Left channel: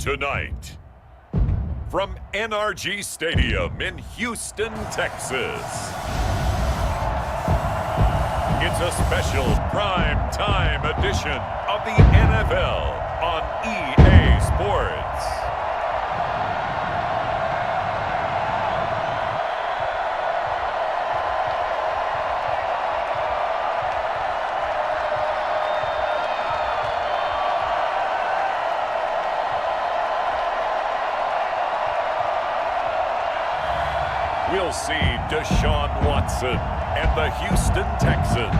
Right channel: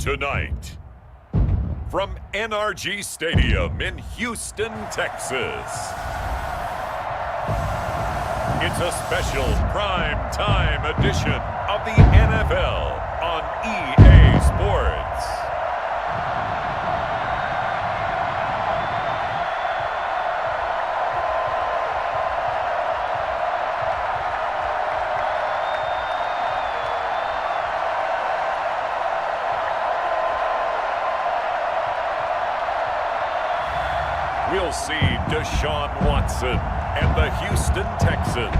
Tonight, from NRG Stadium in Houston, Texas, it's a special prime time edition of the NFL on EA Sports. We'll see Deshaun Watson and the Houston Texans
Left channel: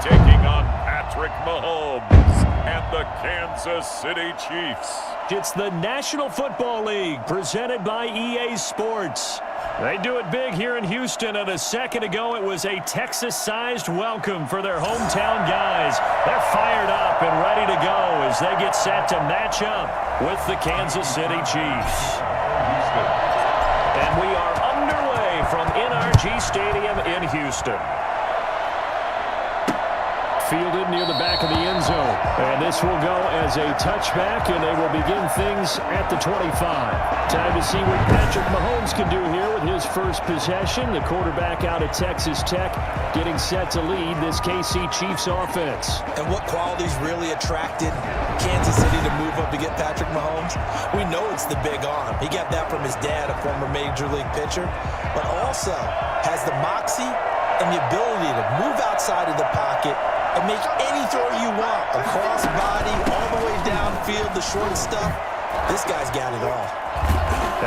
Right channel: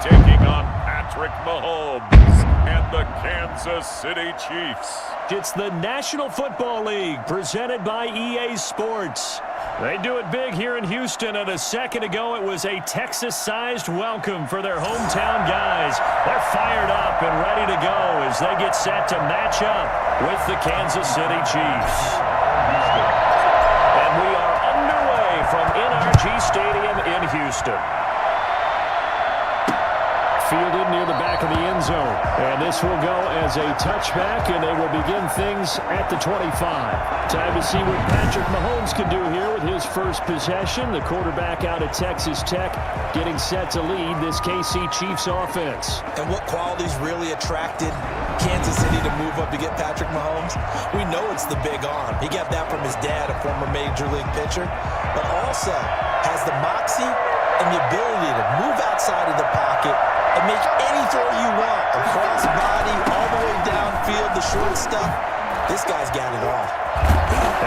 taking on Patrick Mahomes and the Kansas City Chiefs. It's the National Football League presented by EA Sports. They do it big here in Houston, and a second ago it was a Texas-sized welcome for their hometown guys. They're fired up and ready to go as they get set to match up with the Kansas City Chiefs. And we are underway from NRG Stadium in Houston. Fielded near the back of the end zone. And this will go as a touchback, and they will begin things at the 25. Time to see what Patrick Mahomes can do here with his first possession. The quarterback out of Texas Tech getting set to lead this KC Chiefs offense. And what qualities really attracted Kansas City to move up to get Patrick Mahomes? We know it's the big arm. He got that from his dad, a former Major League pitcher, but also has the moxie and the ability to move outside of the pocket and make any throw you want, across body, all the way downfield, the short stuff. This guy's got it all.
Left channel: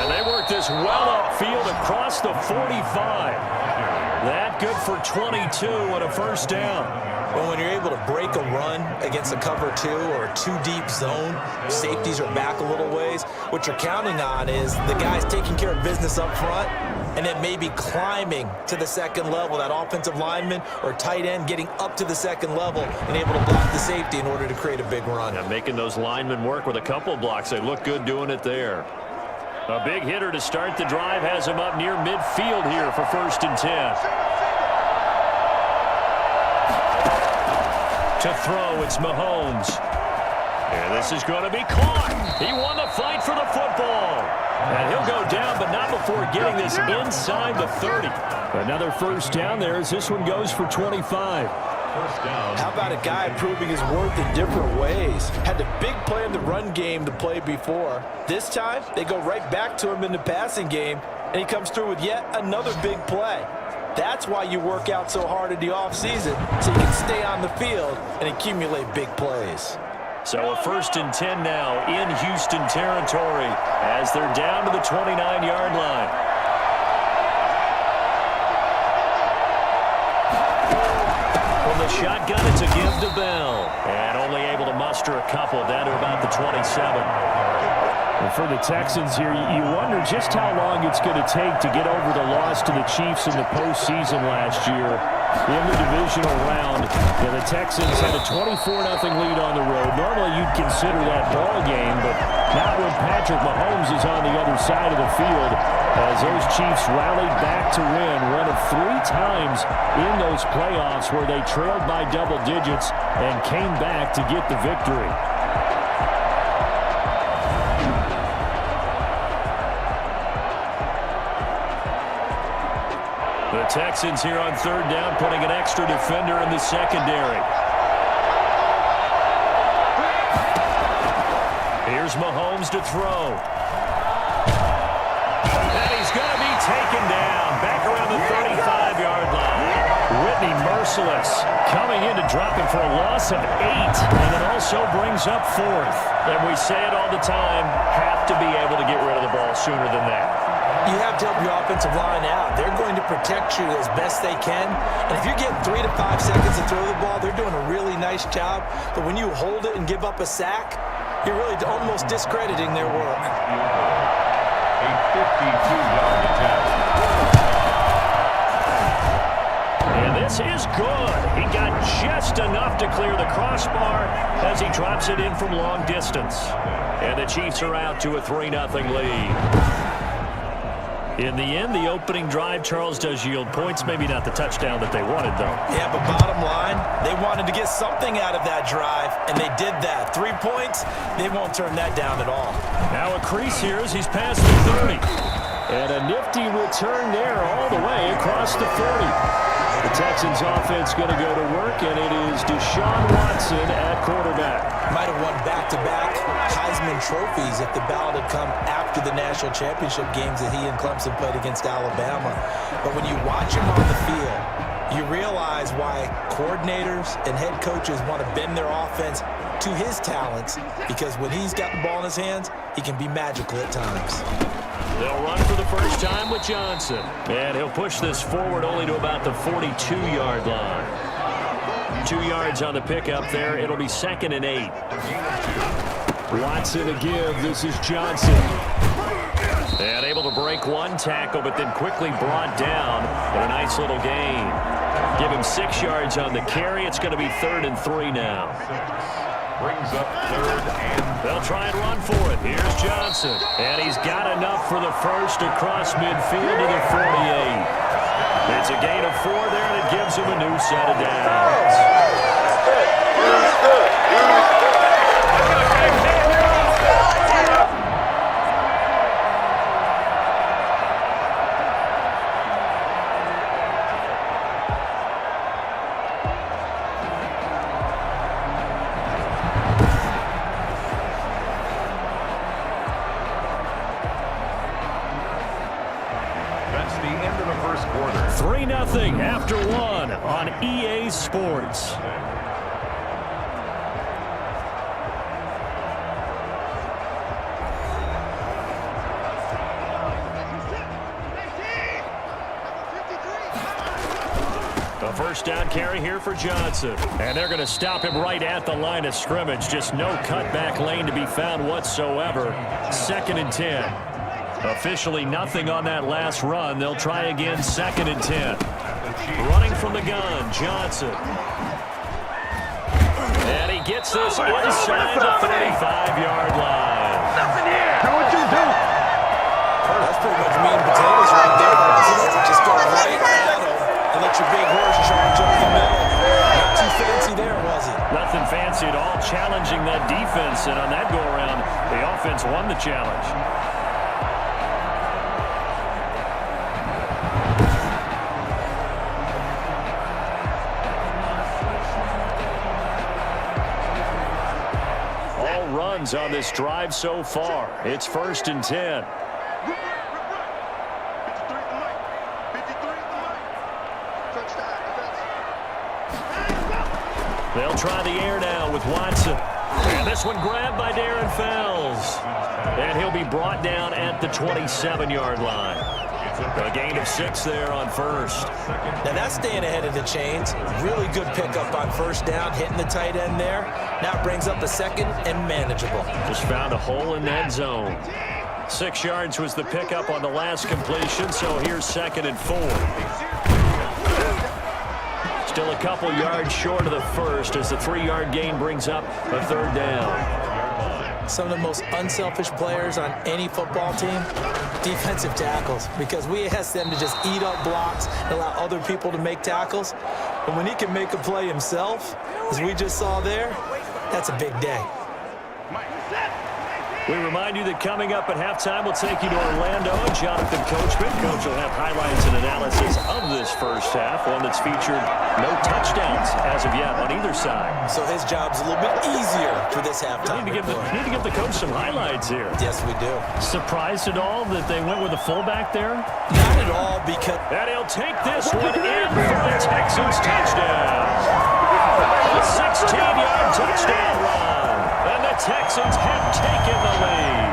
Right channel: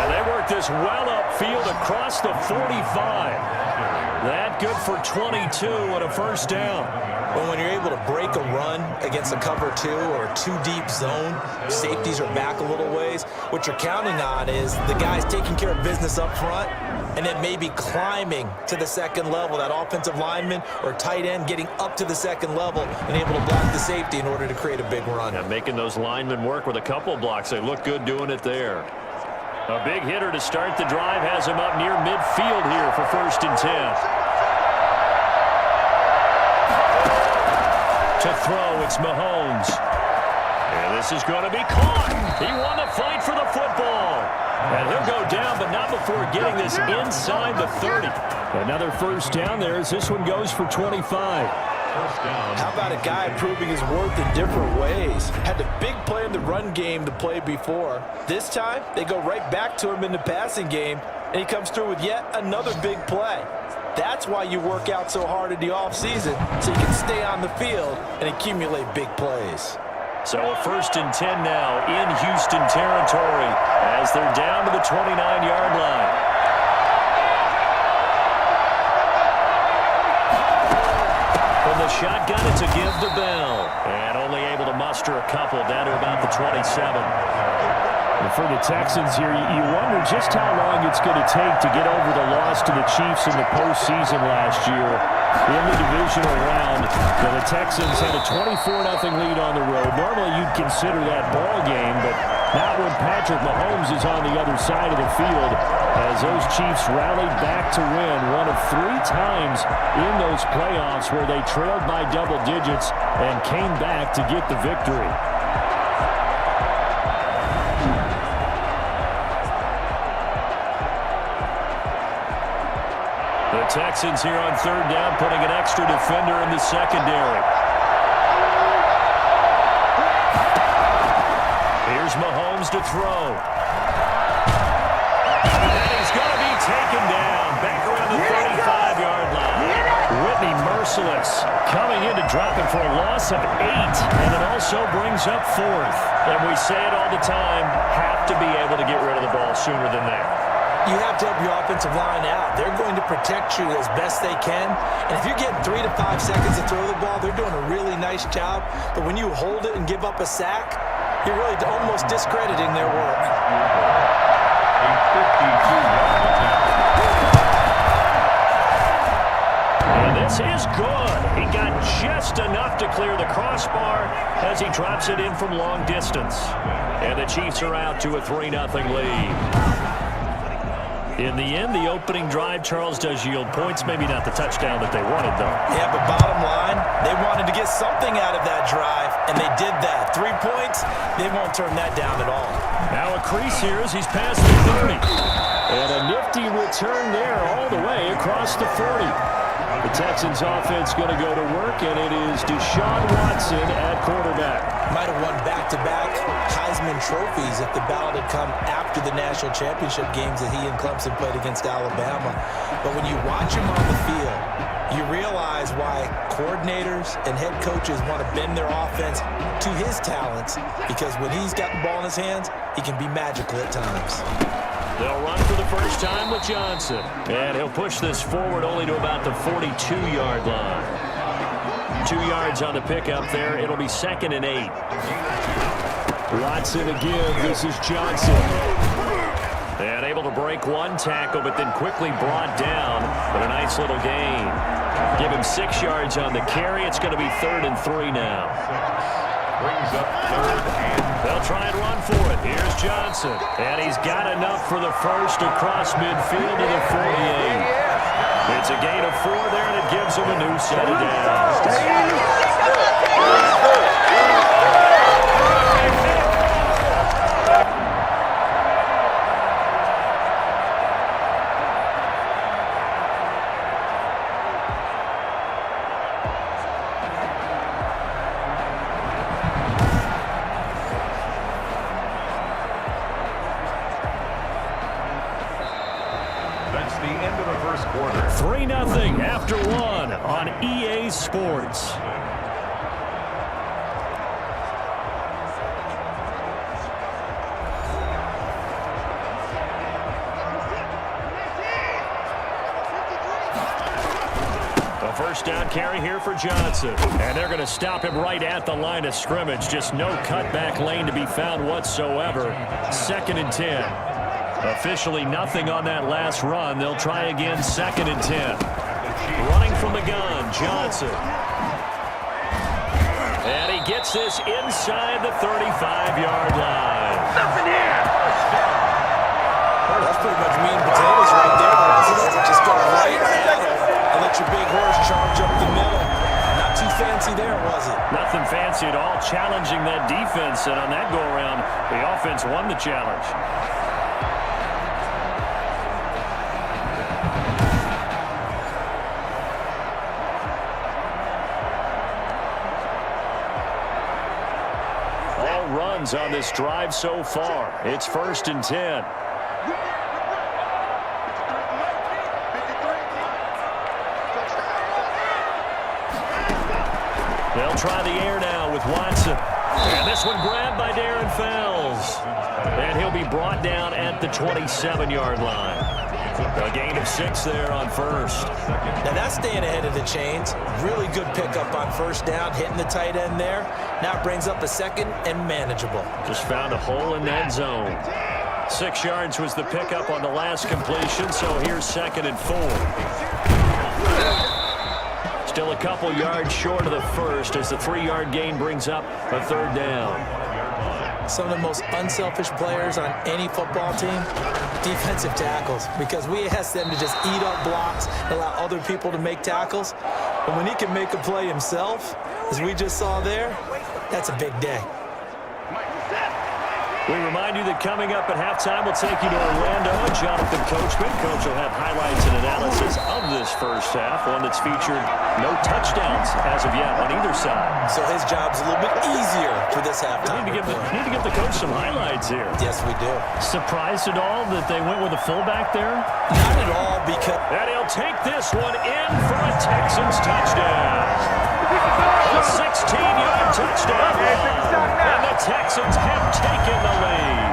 And they work this well upfield across the 45. That good for 22 and a first down. Well, when you're able to break a run against a cover two or a two-deep zone, safeties are back a little ways. What you're counting on is the guys taking care of business up front and then maybe climbing to the second level, that offensive lineman or tight end getting up to the second level and able to block the safety in order to create a big run. And making those linemen work with a couple blocks. They look good doing it there. A big hitter to start the drive has him up near midfield here for 1st and 10. To throw, it's Mahomes. And this is going to be caught. He won the fight for the football. And he'll go down, but not before getting this inside the 30. Another first down there as this one goes for 25. How about a guy proving his worth in different ways? Had the big play in the run game to play before. This time, they go right back to him in the passing game, and he comes through with yet another big play. That's why you work out so hard in the offseason, so you can stay on the field and accumulate big plays. So a 1st and 10 now in Houston territory as they're down to the 29-yard line. From the shotgun, it's a give to Bell. And only able to muster a couple down to about the 27. And for the Texans here, you wonder just how long it's going to take to get over the loss to the Chiefs in the postseason last year. In the divisional round, the Texans had a 24-0 lead on the road. Normally, you'd consider that ball game, but not when Patrick Mahomes is on the other side of the field, as those Chiefs rallied back to win one of 3 times in those playoffs where they trailed by double digits and came back to get the victory. The Texans here on 3rd down, putting an extra defender in the secondary. Here's Mahomes to throw. And he's going to be taken down back around the 35-yard line. Whitney merciless coming in to drop him for a loss of 8. And it also brings up 4th. And we say it all the time, have to be able to get rid of the ball sooner than that. You have to help your offensive line out. They're going to protect you as best they can. And if you're getting 3 to 5 seconds to throw the ball, they're doing a really nice job. But when you hold it and give up a sack, you're really almost discrediting their work. A 52-yard attempt. And this is good. He got just enough to clear the crossbar as he drops it in from long distance. And the Chiefs are out to a 3-0 lead. In the end, the opening drive, Charles, does yield points. Maybe not the touchdown that they wanted, though. Yeah, but bottom line, they wanted to get something out of that drive, and they did that. 3 points, they won't turn that down at all. Now a crease here as he's past the 30. And a nifty return there all the way across the 40. The Texans offense going to go to work, and it is Deshaun Watson at quarterback. Might have won back-to-back Heisman trophies if the ballot had come after the national championship games that he and Clemson played against Alabama. But when you watch him on the field, you realize why coordinators and head coaches want to bend their offense to his talents, because when he's got the ball in his hands, he can be magical at times. They'll run for the first time with Johnson. And he'll push this forward only to about the 42-yard line. 2 yards on the pickup there. It'll be 2nd and 8. Watson to give. This is Johnson. And able to break one tackle, but then quickly brought down. But a nice little gain. Give him 6 yards on the carry. It's going to be 3rd and 3 now. Brings up 3rd and... They'll try and run for it. Here's Johnson. And he's got enough for the first across midfield to the 48. It's a gain of 4 there, and it gives him a new set of downs. That's the end of the first quarter. 3-0 after 1 on EA Sports. A first down carry here for Johnson. And they're going to stop him right at the line of scrimmage. Just no cutback lane to be found whatsoever. 2nd and 10. Officially nothing on that last run. They'll try again, 2nd and 10. Running from the gun, Johnson. And he gets this inside the 35-yard line. Nothing here. That's pretty much meat and potatoes right there. Just go right at him and let your big horse charge up the middle. Not too fancy there, was it? Nothing fancy at all. Challenging that defense, and on that go-around, the offense won the challenge. Runs on this drive so far. It's 1st and 10. They'll try the air now with Watson. And this one grabbed by Darren Fells. And he'll be brought down at the 27-yard line. A gain of 6 there on first. Now that's staying ahead of the chains. Really good pickup on first down, hitting the tight end there. Now it brings up a 2nd and manageable. Just found a hole in that zone. 6 yards was the pickup on the last completion, so here's 2nd and 4. Still a couple yards short of the first as the 3-yard gain brings up a 3rd down. Some of the most unselfish players on any football team, defensive tackles, because we ask them to just eat up blocks and allow other people to make tackles. But when he can make a play himself, as we just saw there, that's a big day. We remind you that coming up at halftime, we'll take you to Orlando and Jonathan Coachman. Coach will have highlights and analysis of this first half, one that's featured no touchdowns as of yet on either side. So his job's a little bit easier for this halftime. Need to give the coach some highlights here. Yes, we do. Surprised at all that they went with a fullback there? Not at all, because... And he'll take this one in for a Texans touchdown. A 16-yard touchdown run. And the Texans have taken the lead.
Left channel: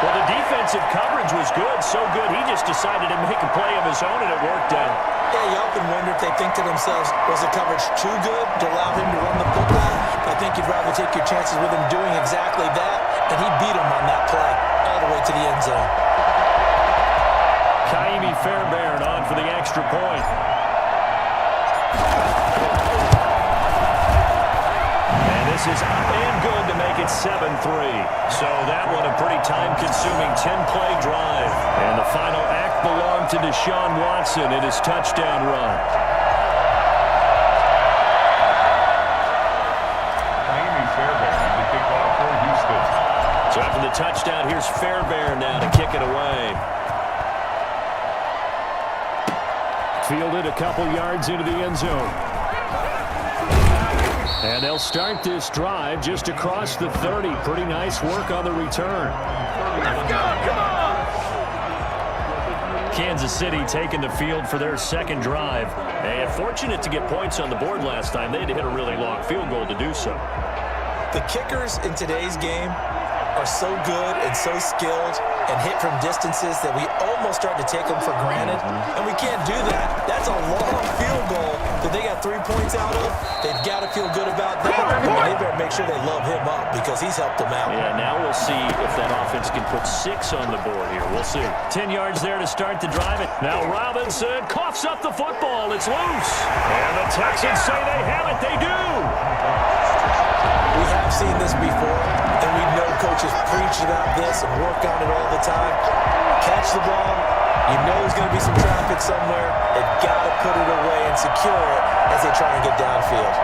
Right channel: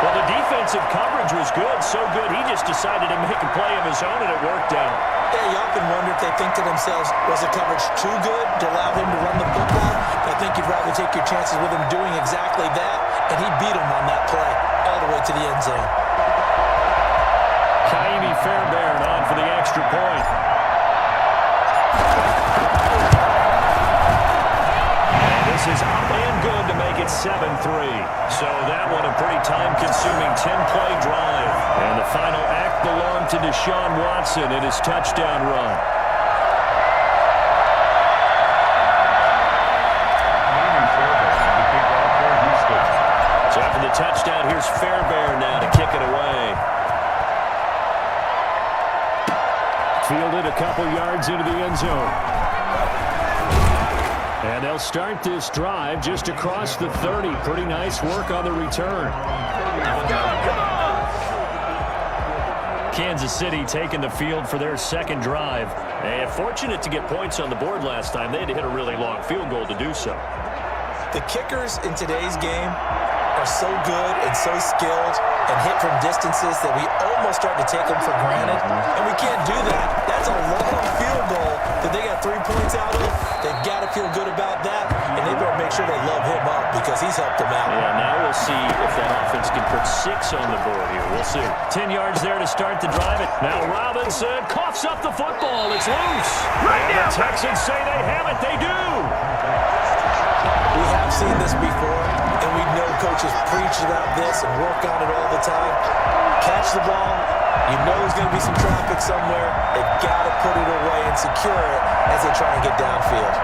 Well, the defensive coverage was good, so good he just decided to make a play of his own, and it worked out. Yeah, you often wonder if they think to themselves, was the coverage too good to allow him to run the football? I think you'd rather take your chances with him doing exactly that, and he beat him on that play all the way to the end zone. Kaimi Fairbairn on for the extra point. And this is up and good to make make it 7-3. So that one a pretty time-consuming 10-play drive. And the final act belonged to Deshaun Watson in his touchdown run. So after the touchdown, here's Fairbairn now to kick it away. Fielded a couple yards into the end zone. And they'll start this drive just across the 30. Pretty nice work on the return. Kansas City taking the field for their second drive. And fortunate to get points on the board last time. They had to hit a really long field goal to do so. The kickers in today's game are so good and so skilled and hit from distances that we almost start to take them for granted. And we can't do that. That's a long field goal that they got 3 points out of. They've got to feel good about that. And they better make sure they love him up because he's helped them out. Yeah, now we'll see if that offense can put 6 on the board here. We'll see. 10 yards there to start the drive. Now Robinson coughs up the football. It's loose. And the Texans say they have it. They do. We have seen this before, and we know coaches preach about this and work on it all the time. Catch the ball. You know there's going to be some traffic somewhere. They've got to put it away and secure it as they try and get downfield.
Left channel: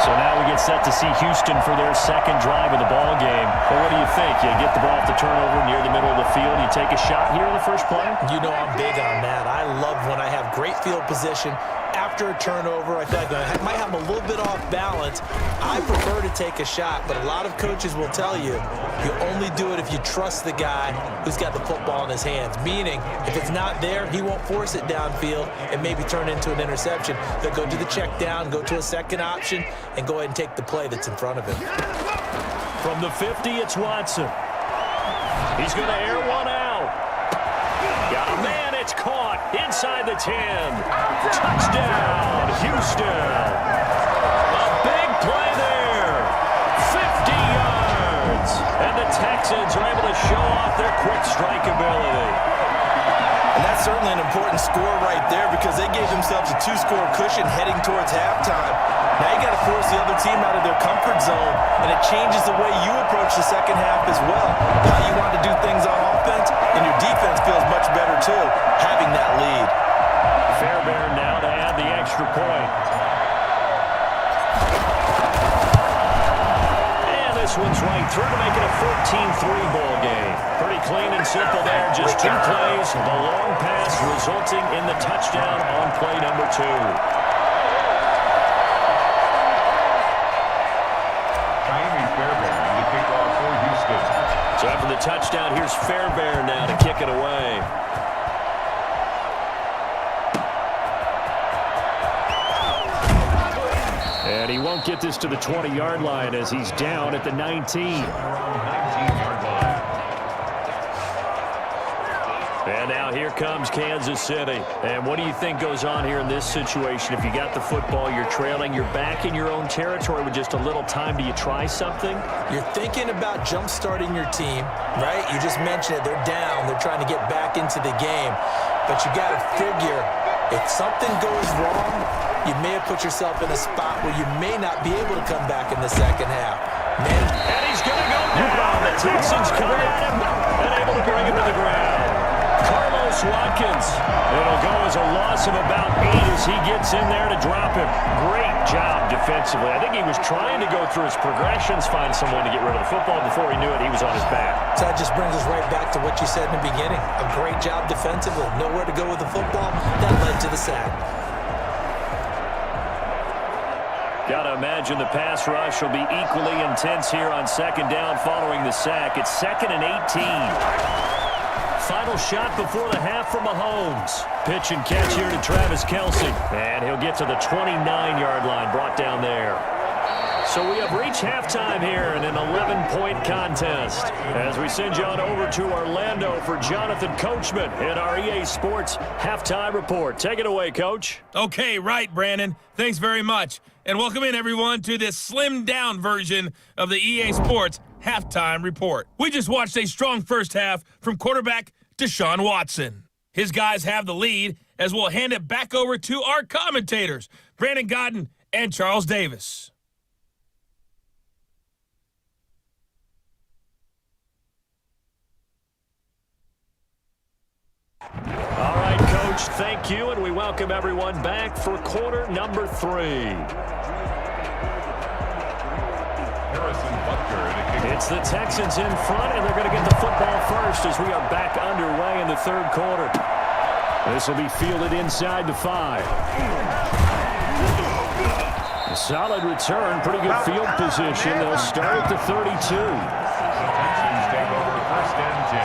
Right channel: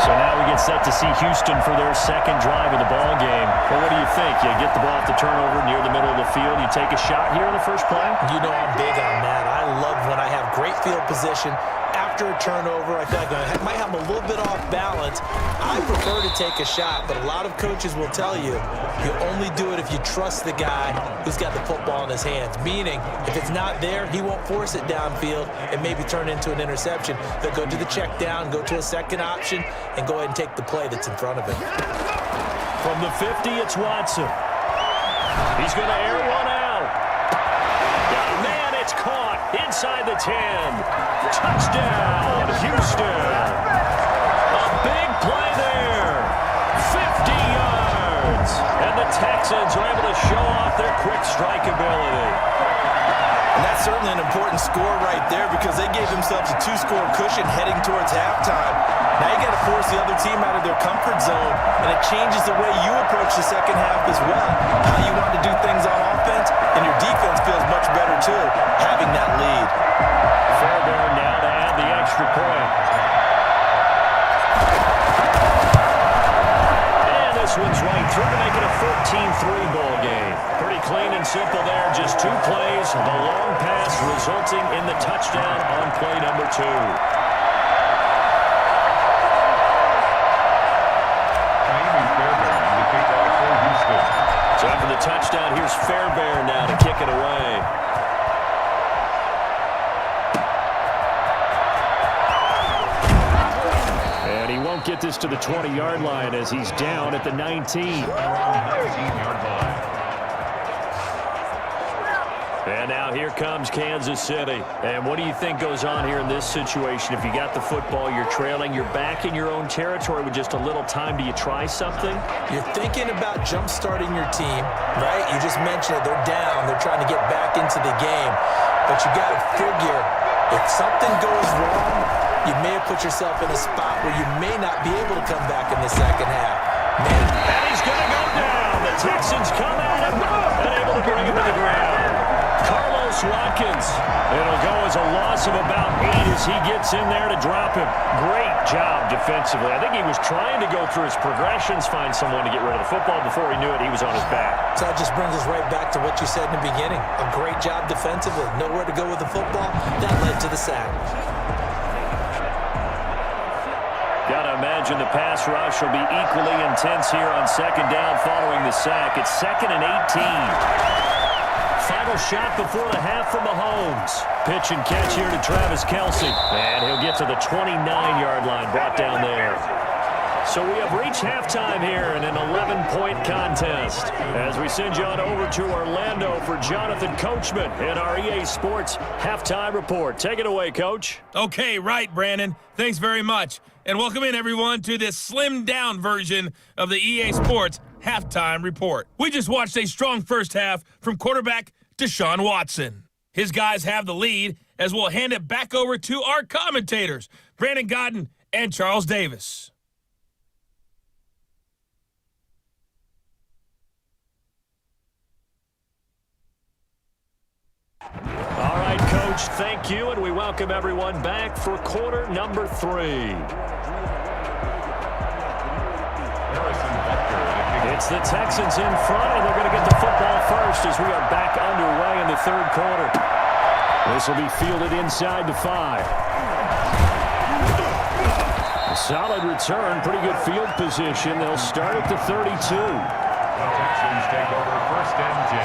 So now we get set to see Houston for their second drive of the ball game. Well, what do you think? You get the ball off the turnover near the middle of the field. You take a shot here in the first play? You know I'm big on that. I love when I have great field position. After a turnover, I feel like I might have a little bit off balance. I prefer to take a shot, but a lot of coaches will tell you, you only do it if you trust the guy who's got the football in his hands. Meaning, if it's not there, he won't force it downfield and maybe turn into an interception. They'll go to the check down, go to a second option, and go ahead and take the play that's in front of him. From the 50, it's Watson. He's going to air one out. Got a man, it's caught inside the 10. Touchdown, Houston. A big play there. 50 yards. And the Texans are able to show off their quick strike ability. And that's certainly an important score right there because they gave themselves a 2-score cushion heading towards halftime. Now you got to force the other team out of their comfort zone, and it changes the way you approach the second half as well. How you want to do things on offense, and your defense feels much better too, having that lead. Fairbairn now to add the extra point. And this one's right through to make it a 14-3 ball game. Pretty clean and simple there, just 2 plays. The long pass resulting in the touchdown on play number 2. Fairbairn, the kickoff for Houston. So after the touchdown, here's Fairbairn now to kick it away. And he won't get this to the 20-yard line as he's down at the 19. 19-yard line. And now here comes Kansas City. And what do you think goes on here in this situation? If you got the football, you're trailing, you're back in your own territory with just a little time. Do you try something? You're thinking about jump-starting your team, right? You just mentioned it. They're down. They're trying to get back into the game. But you got to figure, if something goes wrong, you may have put yourself in a spot where you may not be able to come back in the second half. And he's going to go down. The Texans come at him and able to bring him to the ground. Carlos Watkins. It'll go as a loss of about 8 as he gets in there to drop him. Great job defensively. I think he was trying to go through his progressions, find someone to get rid of the football. Before he knew it, he was on his back. So that just brings us right back to what you said in the beginning. A great job defensively. Nowhere to go with the football. That led to the sack. Got to imagine the pass rush will be equally intense here on second down following the sack. It's 2nd and 18. Final shot before the half from Mahomes. Pitch and catch here to Travis Kelce. And he'll get to the 29-yard line, brought down there. So we have reached halftime here in an 11-point contest. As we send you on over to Orlando for Jonathan Coachman in our EA Sports Halftime Report. Take it away, Coach. Okay, right, Brandon. Thanks very much. And welcome in, everyone, to this slimmed-down version of the EA Sports Halftime Report. We just watched a strong first half from quarterback Deshaun Watson. His guys have the lead as we'll hand it back over to our commentators, Brandon Godden and Charles Davis. Coach. Thank you, and we welcome everyone back for quarter number 3. It's the Texans in front, and they're going to get the football first as we are back underway in the third quarter. This will be fielded inside the 5. A solid return, pretty good field position. They'll start at the 32. Texans take over 1st and 10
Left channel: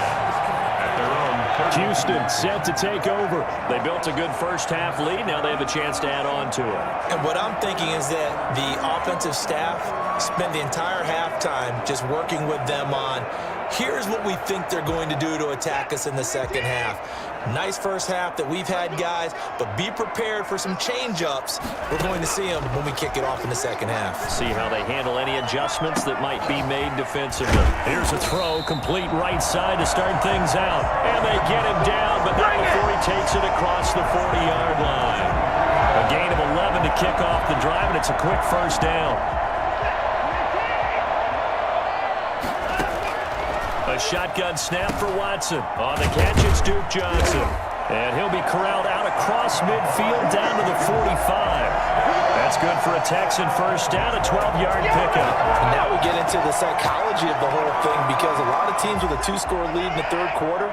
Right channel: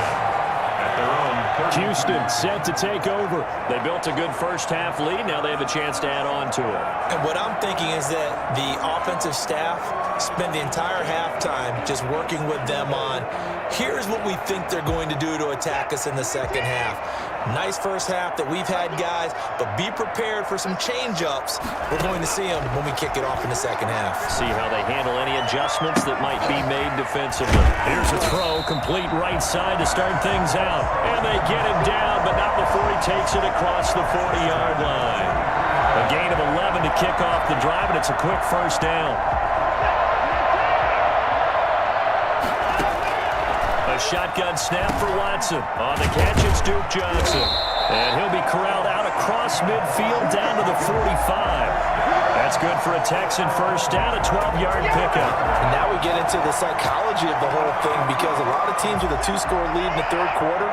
at their own 30. Houston set to take over. They built a good first half lead. Now they have a chance to add on to it. And what I'm thinking is that the offensive staff spend the entire halftime just working with them on, here's what we think they're going to do to attack us in the second half. Nice first half that we've had, guys, but be prepared for some change-ups. We're going to see them when we kick it off in the second half. See how they handle any adjustments that might be made defensively. Here's a throw, complete right side to start things out. And they get him down, but not before he takes it across the 40-yard line. A gain of 11 to kick off the drive, and it's a quick first down. A shotgun snap for Watson. On the catch, it's Duke Johnson. And he'll be corralled out across midfield down to the 45. That's good for a Texan first down, a 12-yard pickup. And now we get into the psychology of the whole thing, because a lot of teams with a 2-score lead in the third quarter,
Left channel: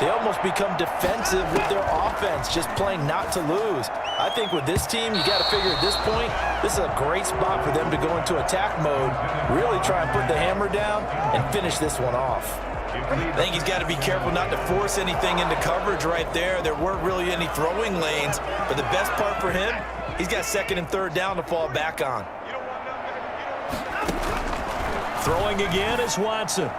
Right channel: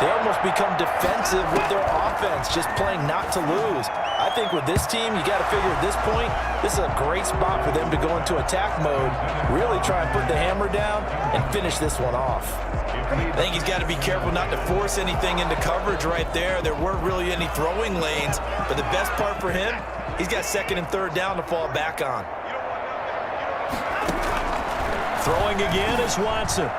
they almost become defensive with their offense, just playing not to lose. I think with this team, you got to figure at this point, this is a great spot for them to go into attack mode, really try and put the hammer down and finish this one off. I think he's got to be careful not to force anything into coverage right there. There weren't really any throwing lanes, but the best part for him, he's got 2nd and 3rd down to fall back on. Throwing again is Watson.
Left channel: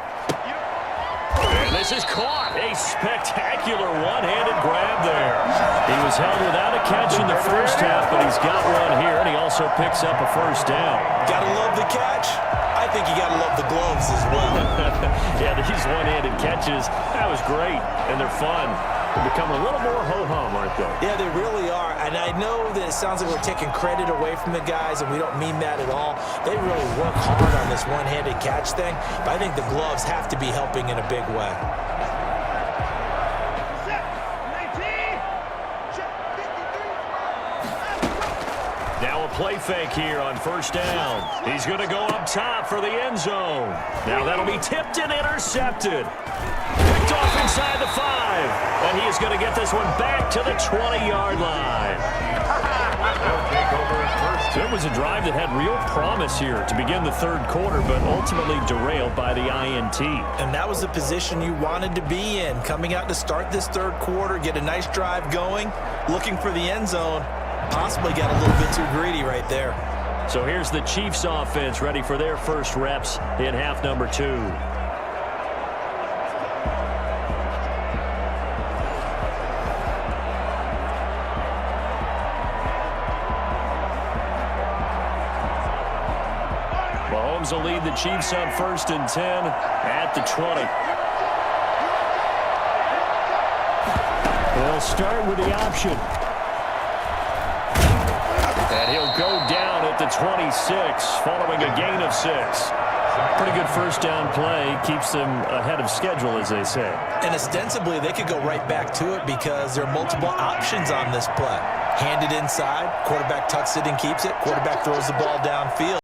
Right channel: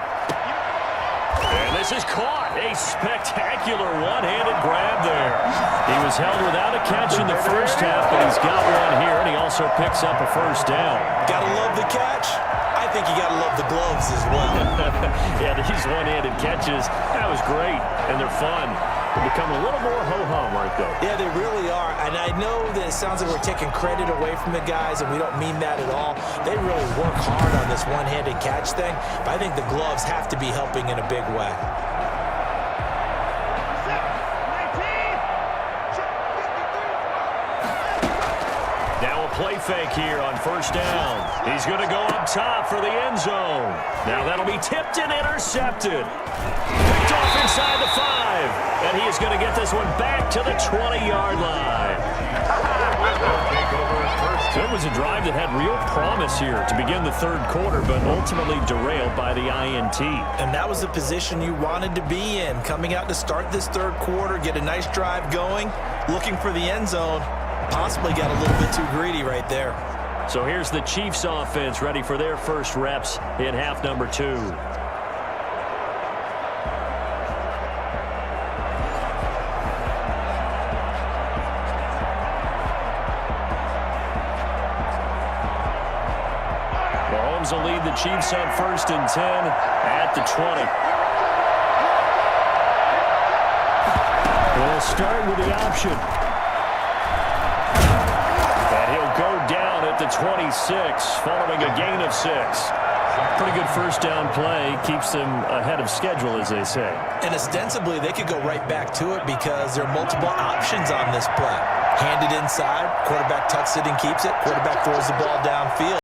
And this is caught. A spectacular one-handed grab there. He was held without a catch in the first half, but he's got one here, and he also picks up a first down. Gotta love the catch. I think you gotta love the gloves as well. Yeah, these one-handed catches, that was great, and they're fun. They become a little more ho-hum, aren't they? Yeah, they really are. And I know that it sounds like we're taking credit away from the guys, and we don't mean that at all. They really work hard on this one-handed catch thing, but I think the gloves have to be helping in a big way. Now a play fake here on first down. He's going to go up top for the end zone. Now that'll be tipped and intercepted. Picked off inside the 5. And he is going to get this one back to the 20-yard line. So it was a drive that had real promise here to begin the third quarter, but ultimately derailed by the INT. And that was the position you wanted to be in, coming out to start this third quarter, get a nice drive going, looking for the end zone. Possibly got a little bit too greedy right there. So here's the Chiefs offense ready for their first reps in half number 2. Mahomes will lead the Chiefs on 1st and 10 at the 20. They'll start with the option. And he'll go down at the 26, following a gain of 6. Pretty good first down play. Keeps them ahead of schedule, as they say. And ostensibly, they could go right back to it because there are multiple options on this play. Handed inside, quarterback tucks it and keeps it, quarterback throws the ball downfield.